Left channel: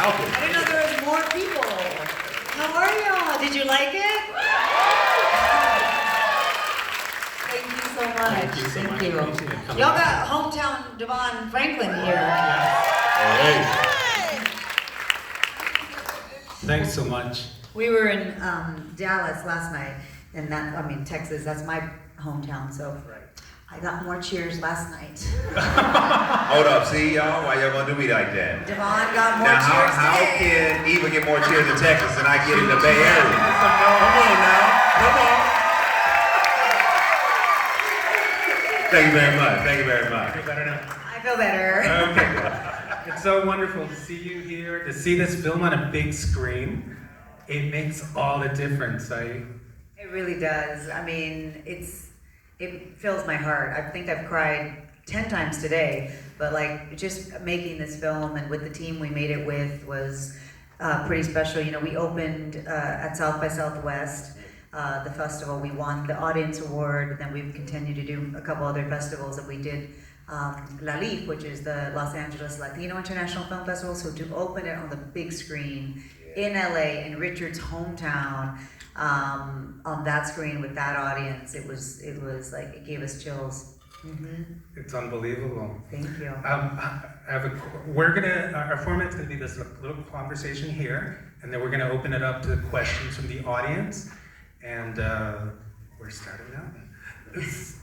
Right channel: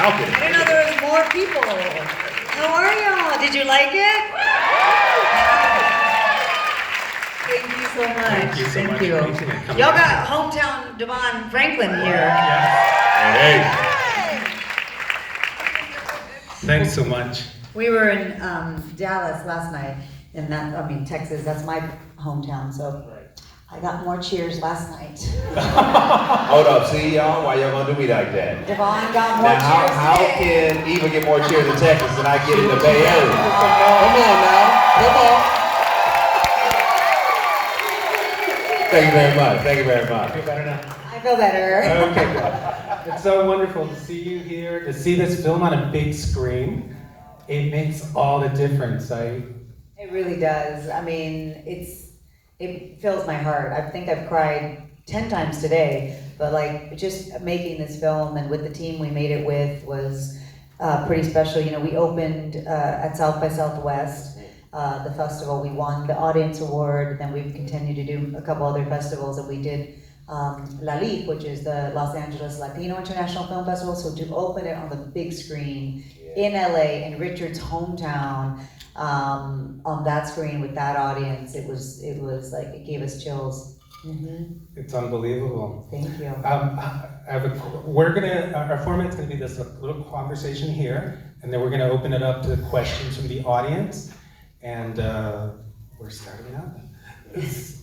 balcony. I didn't know there was more people. How are y'all? Did you like it? Thank you so much. Thank you so much. Appreciate it. Y'all got hometown Devon Franklin here. Hey. Thanks so much. We were in Dallas last night, and Texas, that's my hometown, so I got more cheers last night. Hold up, see y'all? Why y'all gonna do me like that? Devon got more Now, cheers how today. can Eva get more cheers in Texas than I get in the Bay Area? Come on now, come on. Thank you very much, thank you very much. Feel better now? I feel better. Okay. It's so wonderful to see you here, to see this film on a big screen. It makes all the difference. It really does. I mean, it fills my heart. I think I've cried 10 times today, but like just making this film and with the team we made it with was pretty special. You know, we opened at South by Southwest, the festival. We won the audience award, then we've continued to do a couple other festivals, and we did La LIF, which is the Los Angeles Latino International Film Festival. So to open it on the big screen in LA, in Richard's hometown, on that screen with that audience, it was like, it gave us chills. Mm-hmm. It's unbelievable. Thank you. Our format's gonna be this little conversation here, and then we're gonna open it up to questions from the audience, and we're starting out.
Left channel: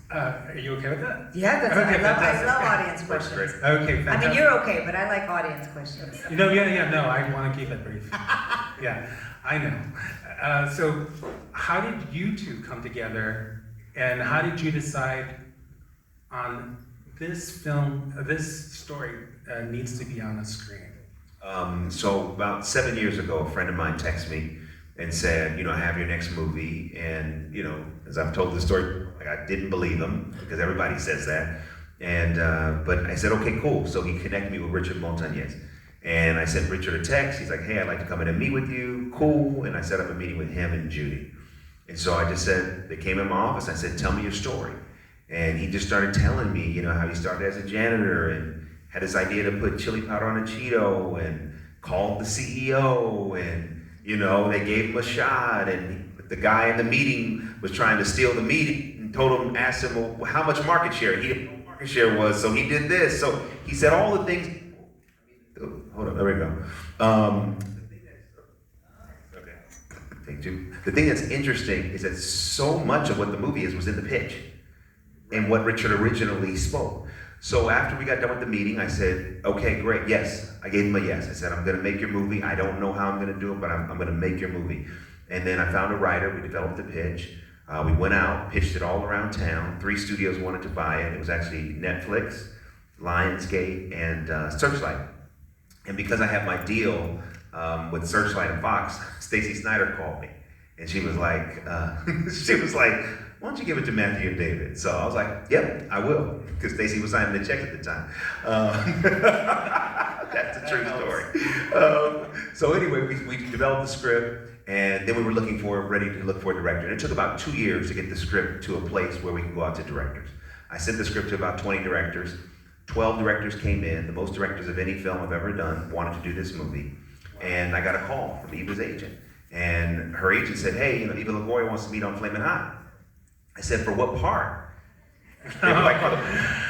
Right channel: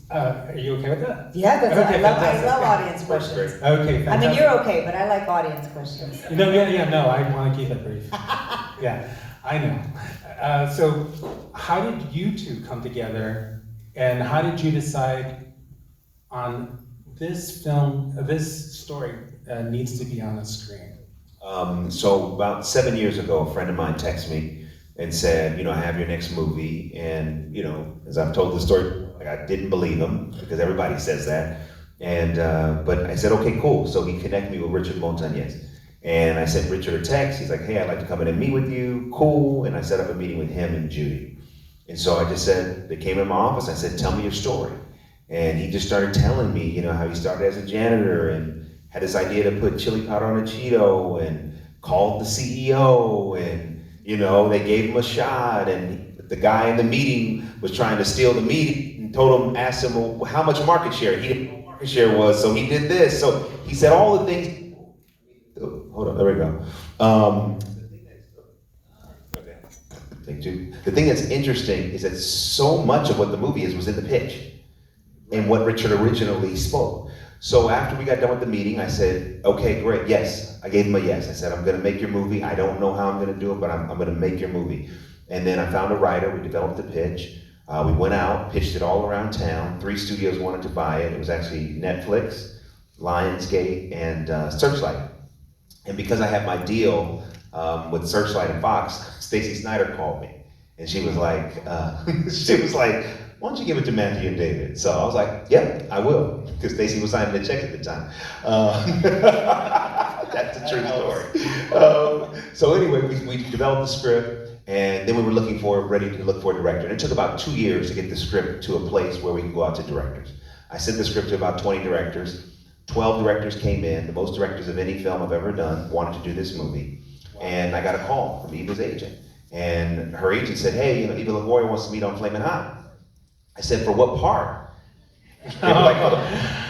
Are you okay with that? Yeah, that's Okay, I love audience questions. Okay, fantastic. I mean, you're okay, but I like audience questions. No, I want to keep it brief. Yeah, I know. So, how did you two come together, and how did you decide on this film, this story needs to be on the screen? So about 7 years ago, a friend of mine texted me and said, I have your next movie, and as I've told the story, like, I didn't believe him because everybody says that, and but I said, okay, cool. So he connected me with Richard Montañez, and I sent Richard a text. He's like, hey, I'd like to come in and meet with you. Cool. And I set up a meeting with him and Judy, and so I just said, they came in my office. I said, tell me your story, and he just started telling me, how he started as a janitor and had this idea to put chili powder on a Cheeto and called the CEO, and they gave him a shot, and the guy in the meeting was trying to steal the meeting and asked him, well, how much market share? He didn't know what market share was, so he did this. So he said all the things. Hold on, there we go. Okay. Thank you. The thing that's interesting is that so much of what the movie is was in the pitch and what Richard originally spoke. So after we got done with the meeting, I said, okay, great, yes. I gave him a yes. I said, I'm gonna make your movie. I don't know how I'm gonna do it, but I'm gonna make your movie. And then I found a writer, we developed the pitch. We went out, pitched it all around town. 3 studios wanted to buy it. It was actually Netflix, Lionsgate, and Searchlight. And because I had my deal with Searchlight and Fox, Stacey Snider called me. And she was like, why don't you give it to Matthew and David? So I was like, yeah, I will, because Stacey was signing the check at the time. That's a true story. So anyway, we developed the script, and then we were ready to look for a director. And it took about 2 years to get the script to a place where we could go out to directors. I sent the script to about 20 directors. 12 directors came in, the most directors of any film I've ever done, wanted to do this movie. And I got a call from Eva's agent. And her agent said, hey, Eva Longoria wants to meet on Flamin' Hot. I said, for what part? They were like,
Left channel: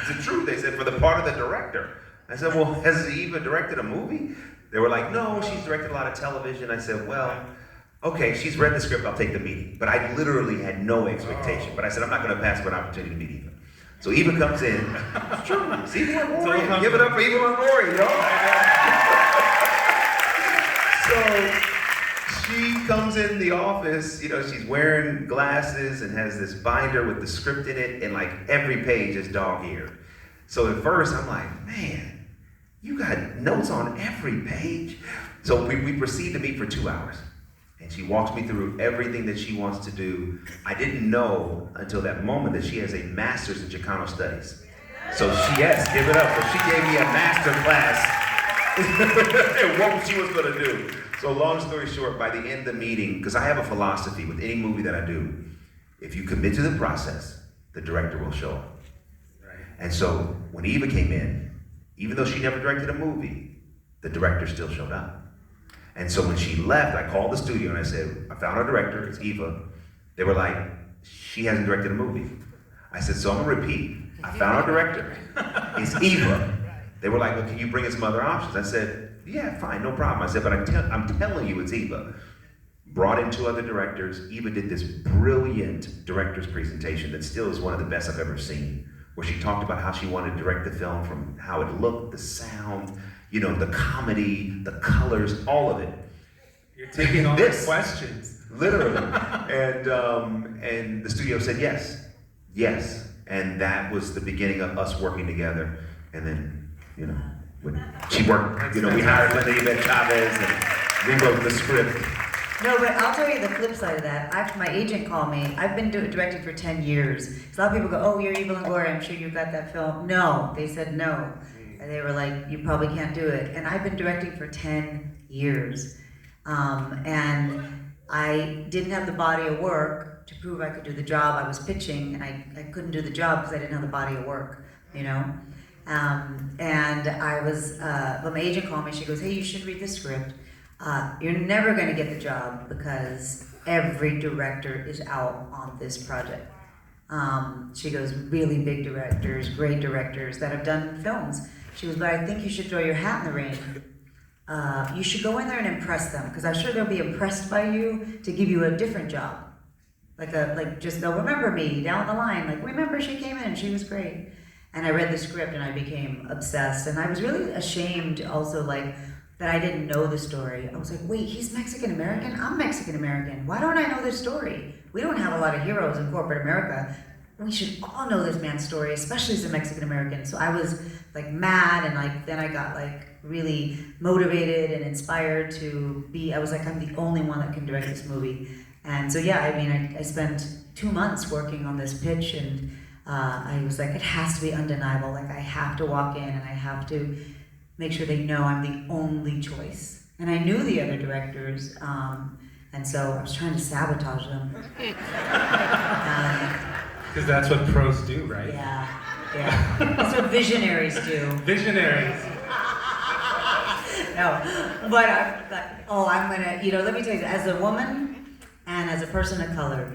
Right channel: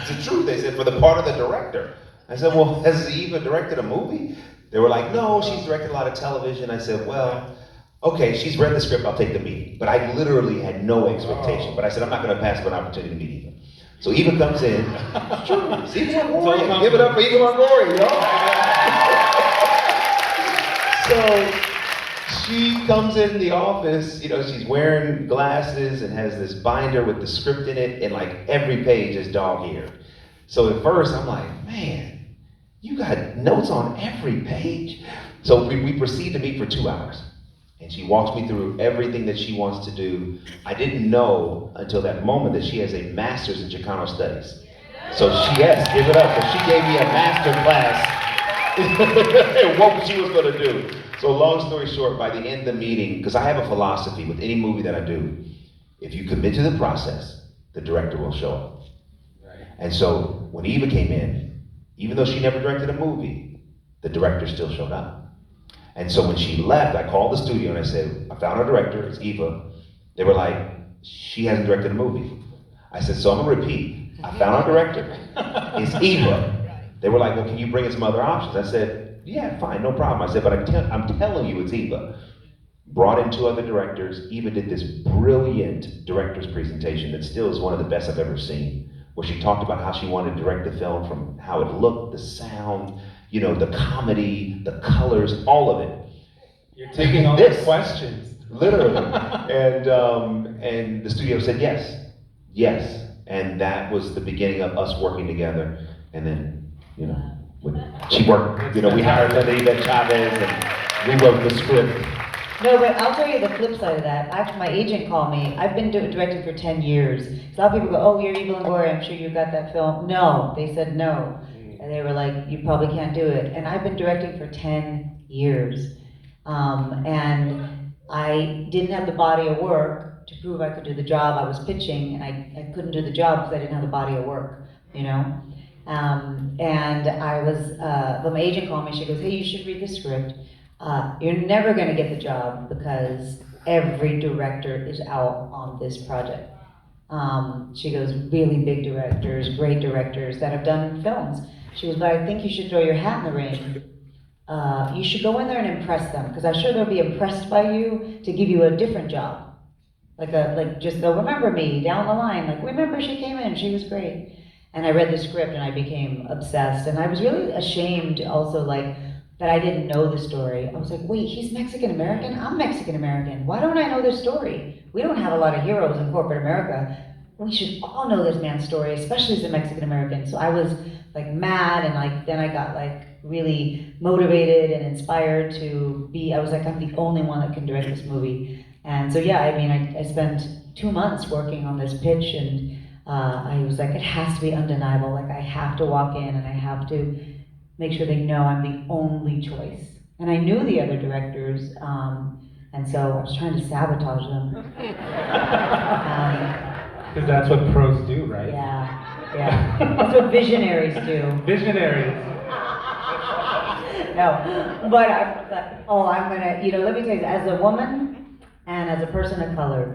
it's the truth. They said, for the part of the director. I said, well, has Eva directed a movie? They were like, no, she's directed a lot of television. I said, well, okay, she's read the script, I'll take the meeting. But I literally had no expectation. But I said, I'm not gonna pass up an opportunity to meet Eva. So Eva comes in. It's true. It's Eva Longoria. Give it up for Eva Longoria, So she comes in the office, she's wearing glasses and has this binder with the script in it, and like every page is dog-eared. So at first I'm like, man, you got notes on every page? So we proceed to meet for 2 hours. And she walks me through everything that she wants to do. I didn't know until that moment that she has a master's in Chicano studies. So yes, give it up. So she gave me a master class in what she was gonna do. So long story short, by the end of the meeting, because I have a philosophy with any movie that I do, if you commit to the process, the director will show up. Right. And so when Eva came in, even though she never directed a movie, the director still showed up. And so when she left, I called the studio and I said, I found our director, it's Eva. They were like, she hasn't directed a movie. I said, so I'm gonna repeat. I found our director, it's Eva. They were like, well, can you bring us some other options? I said, yeah, fine, no problem. I said, but I'm telling you it's Eva. Brought in 2 other directors. Eva did this brilliant director's presentation that still is one of the best I've ever seen, where she talked about how she wanted to direct the film from how it looked, the sound, you know, the comedy, the colors, all of it. You're taking all the questions. Literally. And the studio said yes, yes. And that was the beginning of us working together. And then, you know, she worked, you know, we hired Linda Yvette Chavez and rewrote the script. No, but I'll tell you the flip side of that. Actually, my agent called me. I've been directing for 10 years. So a lot of people go, oh, you're Eva Longoria, I'm sure you got that film. No, they said no. And they were like, you probably can't do it. And I've been directing for 10 years. And I didn't have the body of work to prove I could do the job. I was pitching, and I couldn't do the job because I didn't have the body of work, you know? And I was, but my agent called me, she goes, hey, you should read the script. You're never going to get the job because every director is out on this project. She goes, really big directors, great directors that have done films. She goes, but I think you should throw your hat in the ring. You should go in there and impress them, because I'm sure they'll be impressed by you to give you a different job. Just they'll remember me down the line. Like, remember she came in, she was great. And I read the script and I became obsessed. And I was really ashamed also, like, that I didn't know the story. I was like, wait, he's Mexican-American? I'm Mexican-American. Why don't I know this story? We don't have a lot of heroes in corporate America. We should all know this man's story, especially as a Mexican-American. So I was like mad, and like then I got like really motivated and inspired to be, I was like, I'm the only one that can direct this movie. And so yeah, I mean, I spent 2 months working on this pitch, and I was like, it has to be undeniable. Like, I have to walk in and I have to make sure they know I'm the only choice. And I knew the other directors, and so I was trying to sabotage them. Because that's what pros do, right? Yeah. That's what visionaries do. Visionaries. No, but I'm gonna, let me tell you, as a woman and as a person of color,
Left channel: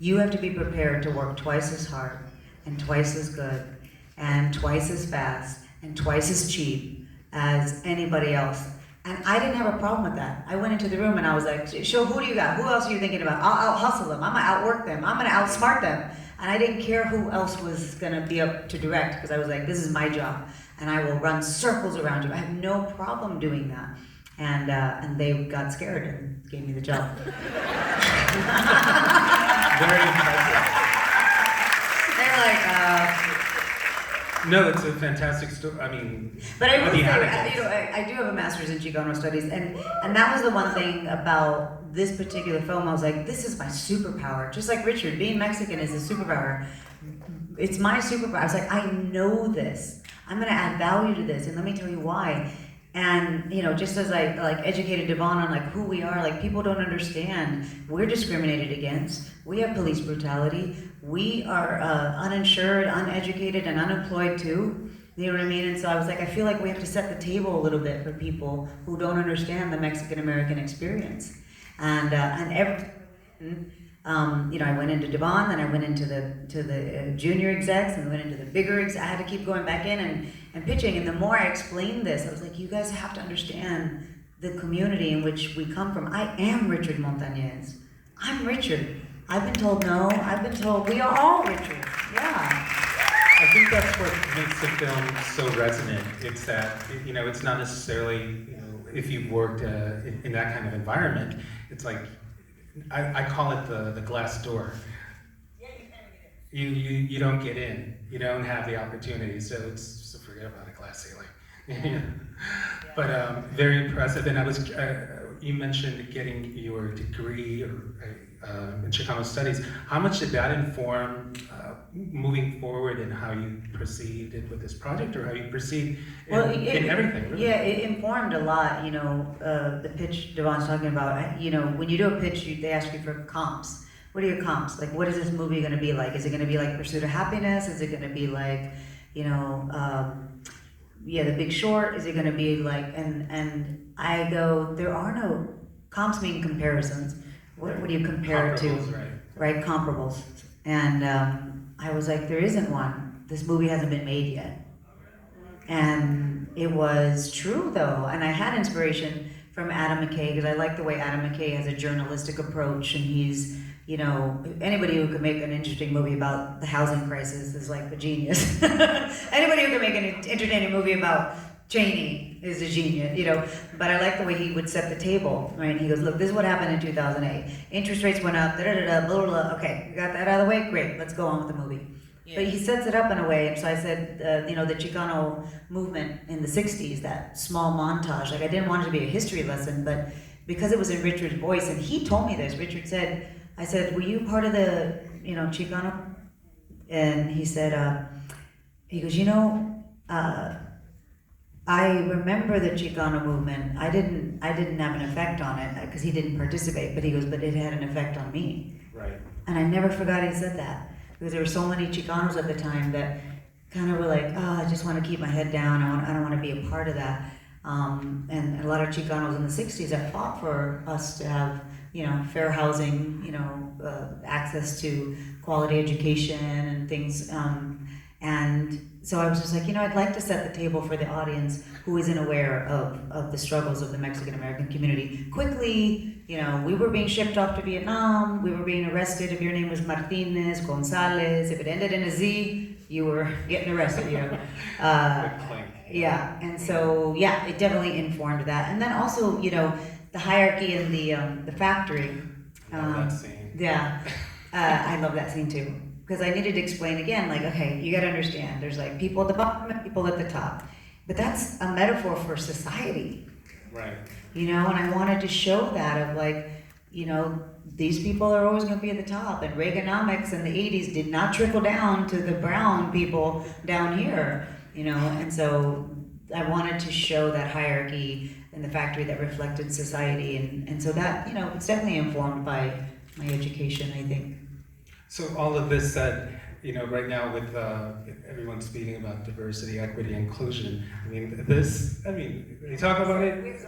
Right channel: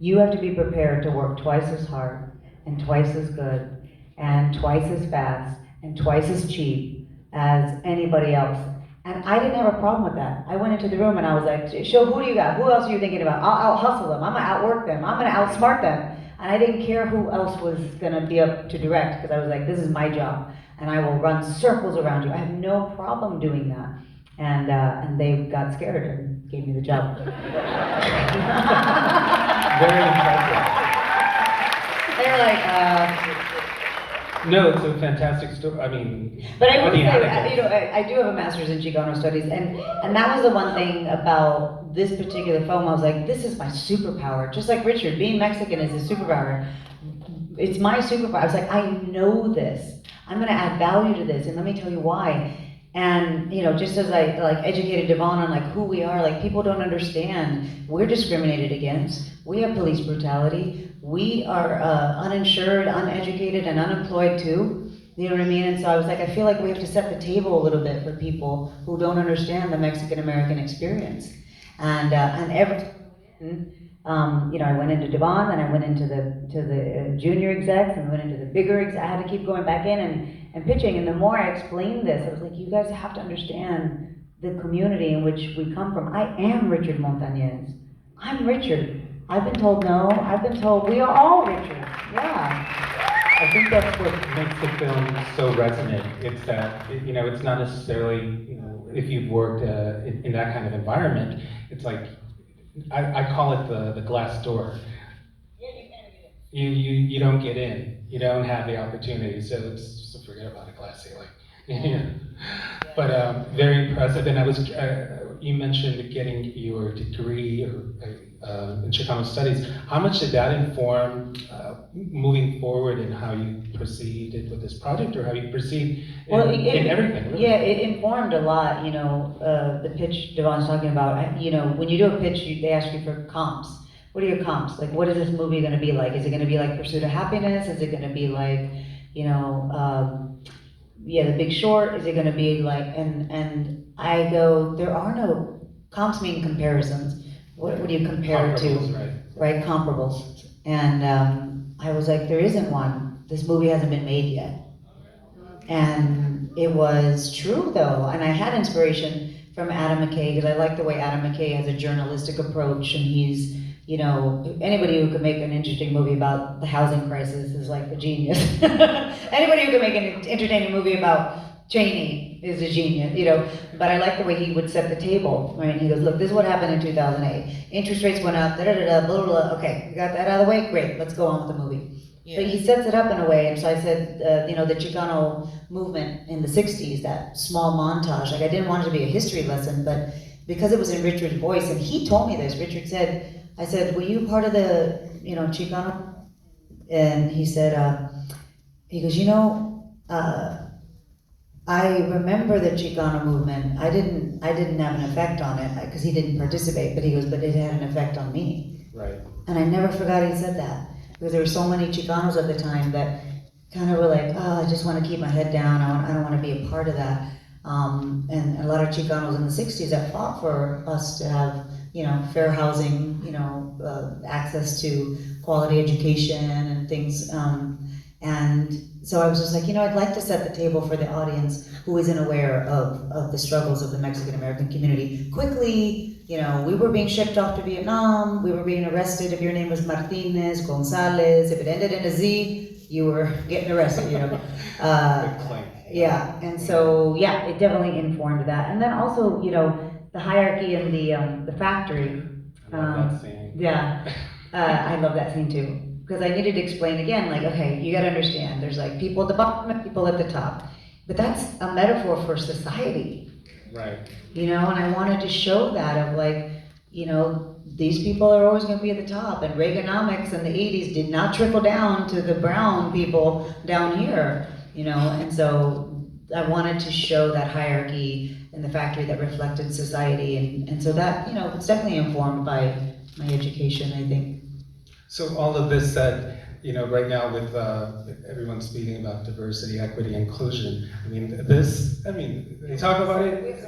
you have to be prepared to work twice as hard and twice as good and twice as fast and twice as cheap as anybody else. And I didn't have a problem with that. I went into the room and I was like, show, who do you got? Who else are you thinking about? I'll out-hustle them. I'm gonna outwork them. I'm gonna outsmart them. And I didn't care who else was gonna be up to direct, because I was like, this is my job. And I will run circles around you. I have no problem doing that. And they got scared and gave me the job. Very impressive. They were like, No, it's a fantastic story. I mean, but I will say, I do have a master's in Chicano studies, and that was the one thing about this particular film. I was like, this is my superpower. Just like Richard, being Mexican is a superpower. It's my superpower. I was like, I know this. I'm gonna add value to this, and let me tell you why. And just as I educated Devon on who we are, people don't understand. We're discriminated against. We have police brutality. We are uninsured, uneducated, and unemployed too. You know what I mean? And so I was like, I feel like we have to set the table a little bit for people who don't understand the Mexican-American experience. And I went into Devon, then I went into the junior execs, and went into the bigger execs. I had to keep going back in and pitching. And the more I explained this, I was like, you guys have to understand the community in which we come from. I am Richard Montañez. I'm Richard. I've been told no. I've been told we are all Richard. Yeah. I think that's what makes the film so resonant. It's that, it's not necessarily, if you've worked in that kind of environment, it's like, I call it the glass door. You don't get in. You don't have the opportunity, so forget about a glass ceiling. But very impressive. And you mentioned getting your degree in Chicano studies. How much did that inform moving forward in how you proceeded with this project, or how you proceed in everything? Really? Yeah, it informed a lot. The pitch Devon's talking about. When you do a pitch, they ask you for comps. What are your comps? What is this movie going to be like? Is it going to be like Pursuit of Happiness? Is it going to be like, yeah, The Big Short? Is it gonna be like, and I go, there are no, comps mean comparisons. What do you compare it to? Comparables, Right, comparables. And I was like, there isn't one. This movie hasn't been made yet. And it was true though, and I had inspiration from Adam McKay, because I like the way Adam McKay has a journalistic approach, and he's, you know, anybody who could make an interesting movie about the housing crisis is like a genius. Anybody who can make an entertaining movie about Cheney is a genius, you know. But I like the way he would set the table, right? And he goes, look, this is what happened in 2008. Interest rates went up, da-da-da-da, blah, blah, blah. Okay, we got that out of the way? Great, let's go on with the movie. Yeah. But he sets it up in a way, and so I said, you know, the Chicano movement in the 60s, that small montage, like I didn't want it to be a history lesson, but because it was in Richard's voice, and he told me this, Richard said, I said, were you part of the, you know, Chicano? And he said, he goes, you know, I remember the Chicano movement. I didn't have an effect on it, because he didn't participate, but he goes, but it had an effect on me. Right. And I never forgot he said that. Because there were so many Chicanos at the time that kind of were like, oh, I just want to keep my head down, I don't want to be a part of that. And a lot of Chicanos in the 60s that fought for us to have, you know, fair housing, you know, access to quality education and things. And so I was just like, you know, I'd like to set the table for the audience who isn't aware of the struggles of the Mexican-American community. Quickly, you know, we were being shipped off to Vietnam, we were being arrested if your name was Martinez, Gonzalez, if it ended in a Z, you were getting arrested, you know. Yeah, and so, yeah, it definitely informed that. And then also, you know, the hierarchy in the factory. I love that scene. Yeah, I love that scene too. Because I needed to explain again, like, okay, you gotta understand, there's like people at the bottom and people at the top. But that's a metaphor for society. Right. You know, and I wanted to show that of like, you know, these people are always gonna be at the top, and Reaganomics in the 80s did not trickle down to the brown people down here, you know, and so I wanted to show that hierarchy in the factory that reflected society, and so that, you know, it's definitely informed by my education, I think. So all of this said, you know, right now with everyone speaking about diversity, equity, inclusion, I mean, they talk about it,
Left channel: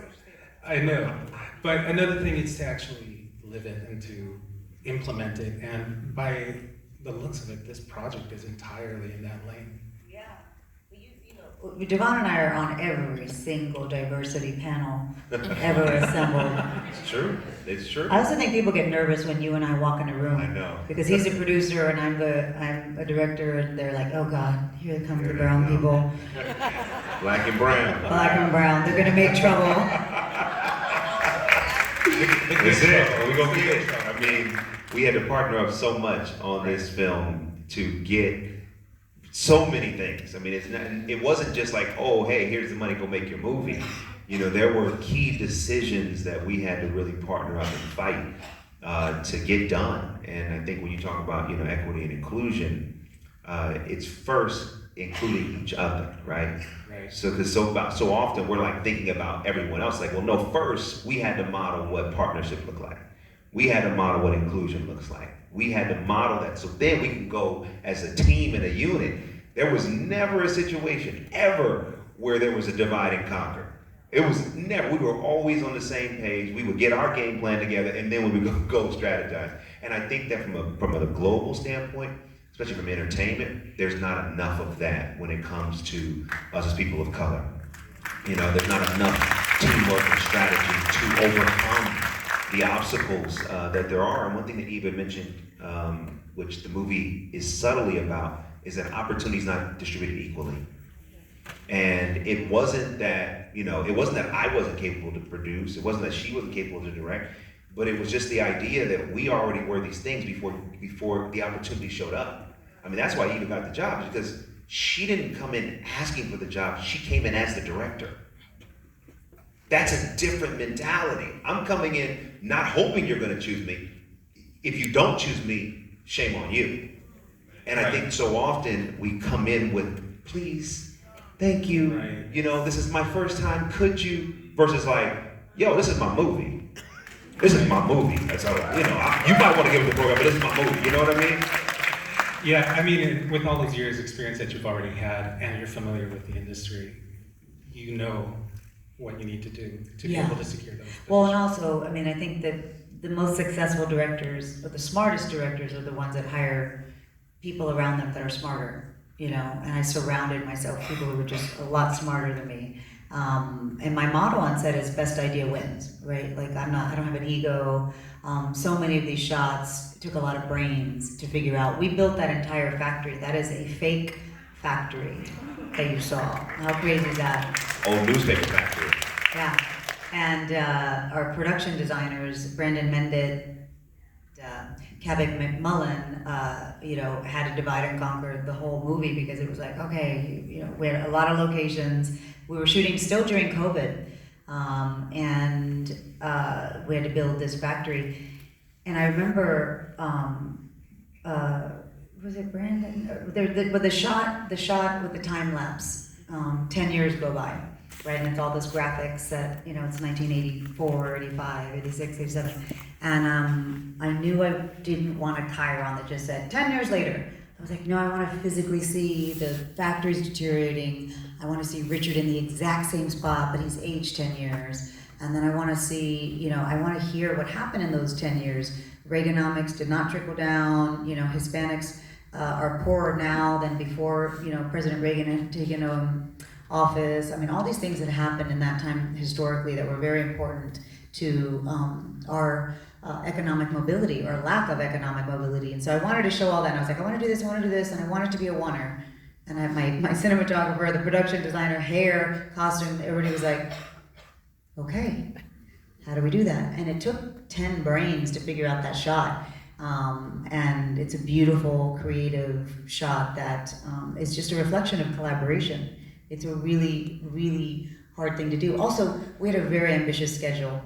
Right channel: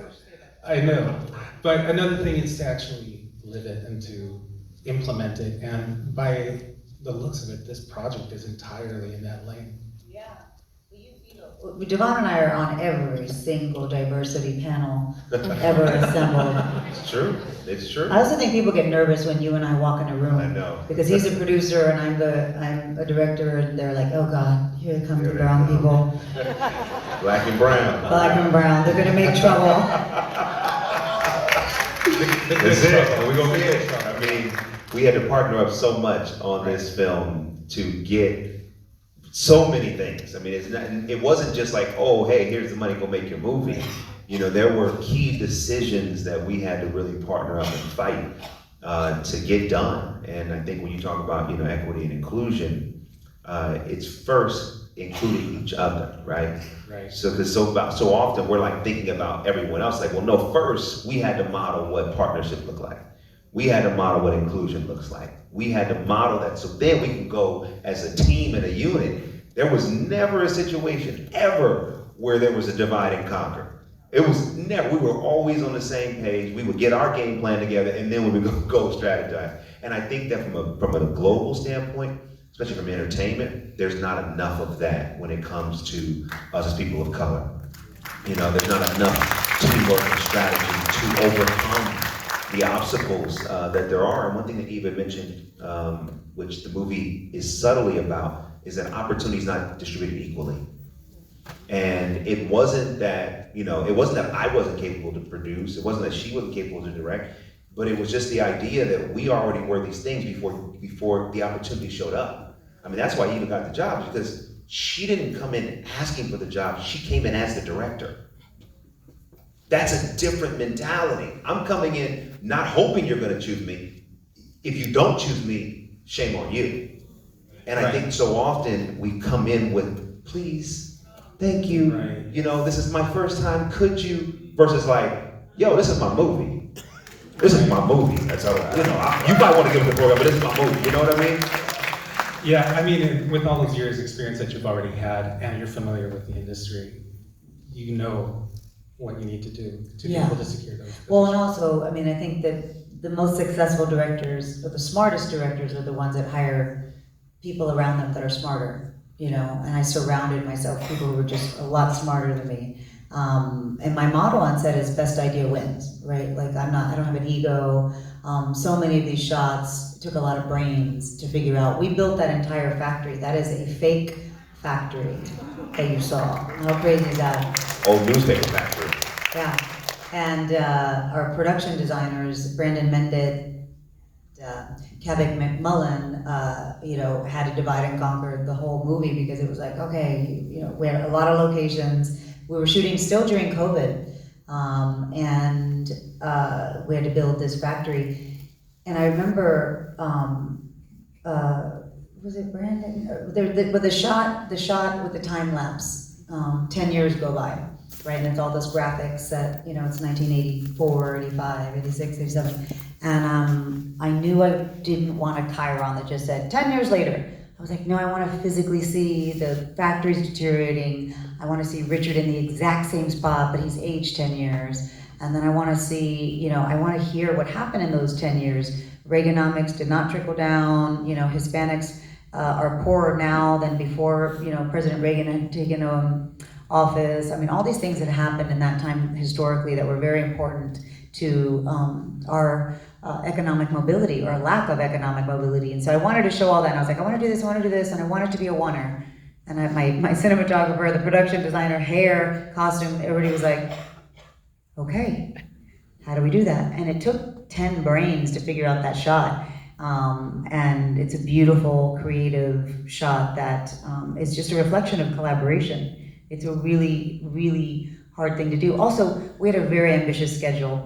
I know, but another thing is to actually live it and to implement it, and by the looks of it, this project is entirely in that lane. Devon and I are on every single diversity panel ever assembled. It's true. It's true. I also think people get nervous when you and I walk in a room. I know. Because he's a producer and I'm a director, and they're like, oh God, here come the Here they brown come. people. Black and brown. Black and brown, they're gonna make trouble. That's it. We're gonna get it. I mean, we had to partner up so much on this film to get so many things. I mean, it wasn't just like, oh, hey, here's the money, go make your movie. You know, there were key decisions that we had to really partner up and fight to get done. And I think when you talk about, you know, equity and inclusion, it's first including each other, right? Right. So because so often we're like thinking about everyone else, like, well, no, first we had to model what partnership looked like. We had to model what inclusion looks like. We had to model that, so then we can go as a team and a unit. There was never a situation ever where there was a divide and conquer. It was never, we were always on the same page. We would get our game plan together, and then we would go strategize. And I think that from a global standpoint, especially from entertainment, there's not enough of that when it comes to us as people of color. You know, there's not enough teamwork and strategy to overcome the obstacles that there are. And one thing that Eva mentioned, which the movie is subtly about, is that opportunity is not distributed equally. And it wasn't that, you know, it wasn't that I wasn't capable to produce, it wasn't that she wasn't capable to direct, but it was just the idea that we already were these things before the opportunity showed up. I mean, that's why Eva got the job, because she didn't come in asking for the job, she came in as the director. That's a different mentality. I'm coming in not hoping you're gonna choose me. If you don't choose me, shame on you. And I think so often we come in with, please, thank you, Right. you know, this is my first time, could you? Versus like, yo, this is my movie. This is my movie. That's how, you know, you might want to give it the program, but this is my movie, you know what I mean? Yeah, I mean, with all those years' experience that you've already had, and you're familiar with the industry, you know what you need to do to be Yeah. able to secure those Well, and positions. also, I mean, I think that the most successful directors, or the smartest directors, are the ones that hire people around them that are smarter, you know. And I surrounded myself with people who were just a lot smarter than me. And my motto on set is best idea wins, right? Like I don't have an ego. So many of these shots took a lot of brains to figure out. We built that entire factory. That is a fake factory that you saw. How crazy is that? Old newspaper factory. Yeah. And our production designers, Brandon Mended, Kavik McMullen, you know, had to divide and conquer the whole movie because it was like, okay, you know, we had a lot of locations. We were shooting still during COVID, and we had to build this factory. And I remember, was it Brandon? With the shot with the time lapse, 10 years go by, right? And it's all those graphics that, you know, it's 1984, 85, 86, 87. And I knew I didn't want a chyron that just said 10 years later. I was like, no, I want to physically see the factory's deteriorating. I want to see Richard in the exact same spot, but he's aged 10 years. And then I want to see, you know, I want to hear what happened in those 10 years. Reaganomics did not trickle down. You know, Hispanics are poorer now than before, you know, President Reagan had taken office. I mean, all these things that happened in that time historically that were very important to our economic mobility, or lack of economic mobility. And so I wanted to show all that, and I was like, I want to do this, and I want it to be a oneer. And my cinematographer, the production designer, hair, costume, everybody was like, okay, how do we do that? And it took 10 brains to figure out that shot. And it's a beautiful, creative shot that is just a reflection of collaboration. It's a really, really hard thing to do. Also, we had a very ambitious schedule,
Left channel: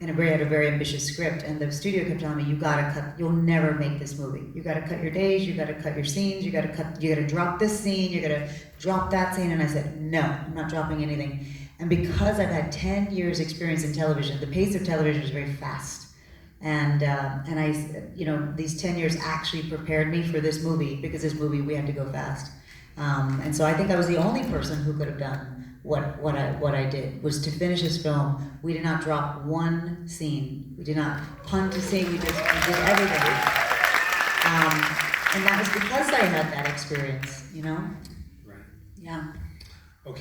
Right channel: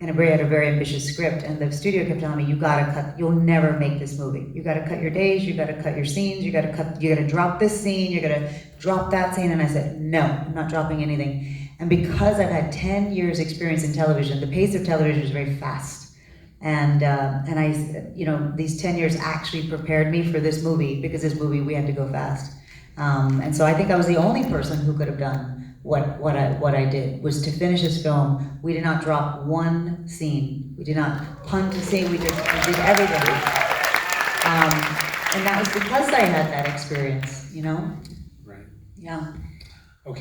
and we had a very ambitious script, and the studio kept telling me, you gotta cut, you'll never make this movie. You gotta cut your days, you gotta cut your scenes, you gotta drop this scene, you gotta drop that scene. And I said, no, I'm not dropping anything. And because I've had 10 years experience in television, the pace of television is very fast. And I, you know, these 10 years actually prepared me for this movie, because this movie, we had to go fast. And so I think I was the only person who could have done what I did, was to finish this film. We did not drop one scene. We did not punt a scene. We did everything. And that was because I had that experience, you know? Right. Yeah. Okay.